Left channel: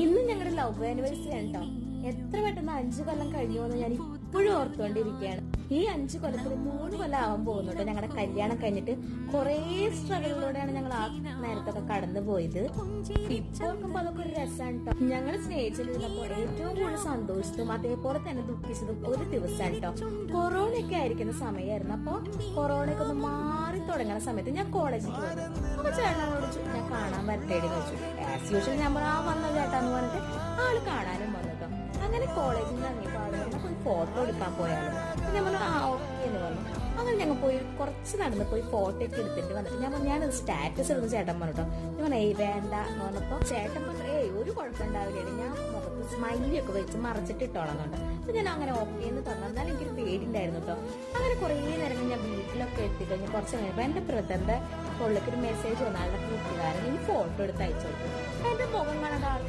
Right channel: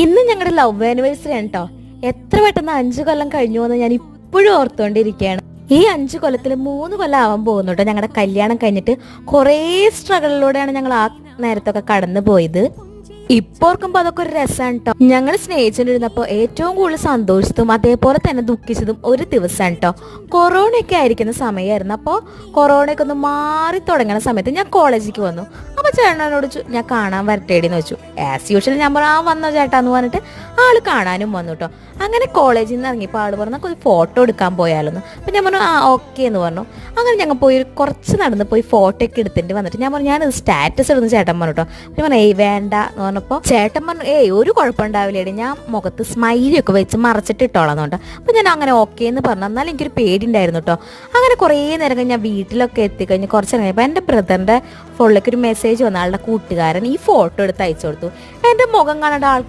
ഇന്ന് ഞങ്ങളുടെ love anniversary ആണ് കേട്ടോ. എത്ര പെട്ടെന്ന് 5 കൊല്ലം കഴിഞ്ഞു എന്ന് ഞാൻ ഇപ്പോഴും ഓർത്തുകൊണ്ടിരിക്കുകയാണ്. ഈ 5 കൊല്ലത്തിൽ 3 കൊല്ലം ആവാൻ പോകുന്നു കേട്ടോ ഞങ്ങളുടെ കല്യാണം കഴിഞ്ഞിട്ട്. കുറേ സ്ട്രഗിളിലൂടെയാണ് ഞങ്ങൾ ആ നേരത്തൊക്കെ കടന്നു പോയത്. ഇപ്പൊ ഓർക്കുമ്പോ അതൊക്കെ ഒരു രസമാണ് കേട്ടോ. ഞങ്ങൾ സ്നേഹിച്ചിരുന്നപ്പോ ഏറ്റവും കൂടുതൽ സന്തോഷിച്ചതും അതേപോലെ തന്നെ ദുഃഖിച്ചതും ഒരു ദിവസമാണ് കേട്ടോ. കൊറോണയൊക്കെ ആയിരിക്കുന്ന സമയമായിരുന്നു. അപ്പോൾ കൊറോണയൊക്കെ ഒന്ന് മാറി തുടങ്ങുന്ന സമയത്ത് ഞാൻ കോളേജിലേക്ക് വന്നു. അപ്പൊ ചേട്ടനോട് ഞാൻ കാണാൻ വരട്ടേടിന്ന് വെച്ചു. ആസ് യൂഷ്വൽ ഞാൻ വന്നോ ചേട്ടാന്ന് പറഞ്ഞിട്ട് ആള് കാണാനും വന്നു കേട്ടോ. അങ്ങനെ കോളേജിൽ നിന്ന് ഇറങ്ങിയപ്പോൾ ആള് പറഞ്ഞു ഒരു ഫോട്ടോ എടുക്കാൻ പോയാലെന്ന്. അപ്പൊ ഞാൻ പറഞ്ഞു ഓക്കെ എന്ന് പറഞ്ഞു. അങ്ങനെ ഞങ്ങൾ പോയി കുറച്ച് നടന്ന് പോയി ഫോട്ടോ ഒക്കെ എടുത്തിട്ട് വന്നിട്ട് ഞാൻ പറഞ്ഞു ഞാനത് സ്റ്റാറ്റസ് ഇടുന്നു ചേട്ടൻ പറഞ്ഞു കേട്ടോ. ഞാൻ പറഞ്ഞു വേണ്ട എന്ന് പറഞ്ഞപ്പോൾ ചേട്ടൻ പറഞ്ഞു ഒരു കുഴപ്പമുണ്ടാവില്ലേടി, ഞാൻ മുഖത്ത് സ്മൈലിയൊക്കെ വെച്ച് മറച്ചിട്ട് ഇട്ടോളാന്ന് കേട്ടോ. അപ്പോൾ ഞാൻ അങ്ങനെ ഓക്കെ എന്ന് പറഞ്ഞു. എന്നാലും എനിക്കൊരു പേടി ഉണ്ടായിരുന്നു കേട്ടോ. അങ്ങനെ കുറേ നേരം കഴിഞ്ഞ് ഞാൻ വീട്ടിലൊക്കെ എത്തിക്കഴിഞ്ഞ് കുറച്ച് കഴിഞ്ഞപ്പോൾ എൻ്റെ ബ്രദറിൻ്റെ ഫോണിലേക്ക് ഒരു മെസ്സേജ് വന്ന ആളുടെ കൂട്ടുകാരൻ ഈ ഫോട്ടോ എടുത്ത് അയച്ചു കൊടുത്തു. എൻ്റെ മുഖം കാണേണ്ട ആൾക്ക്